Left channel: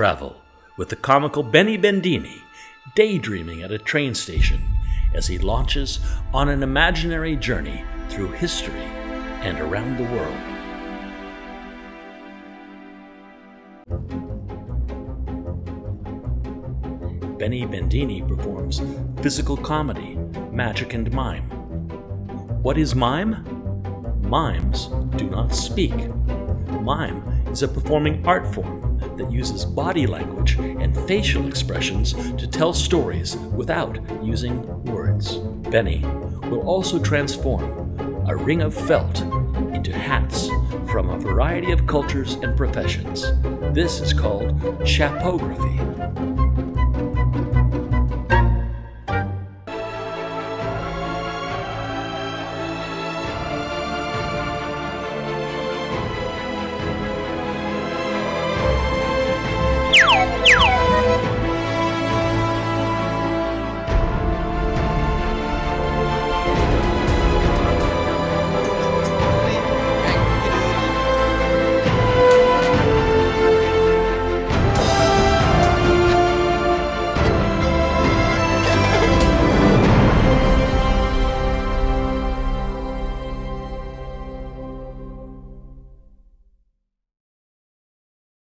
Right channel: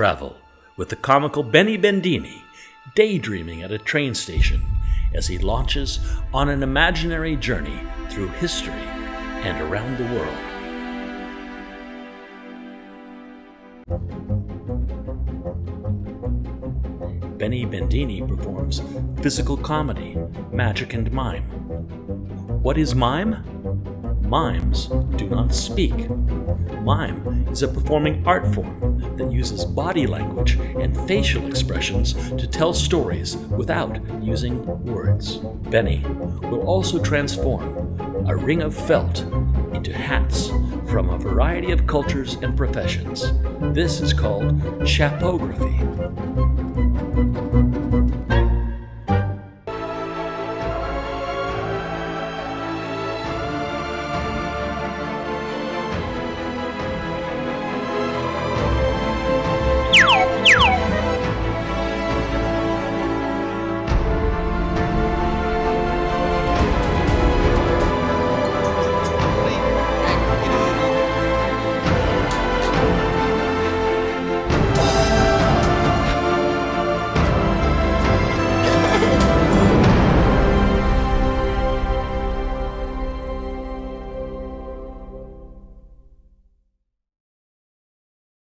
Travel with the comical Benny Bendini, daydreaming at a train station as he launches on an imaginary journey through history and around the world. Benny Bendini performs physical comedy, magic, and mime. What is mime? Mimes do not speak. Mime is a performing art form that uses body language and facial expressions to tell stories without using words. Benny will also transform a ring of felt into hats from a variety of cultures and professions. This is called chapography.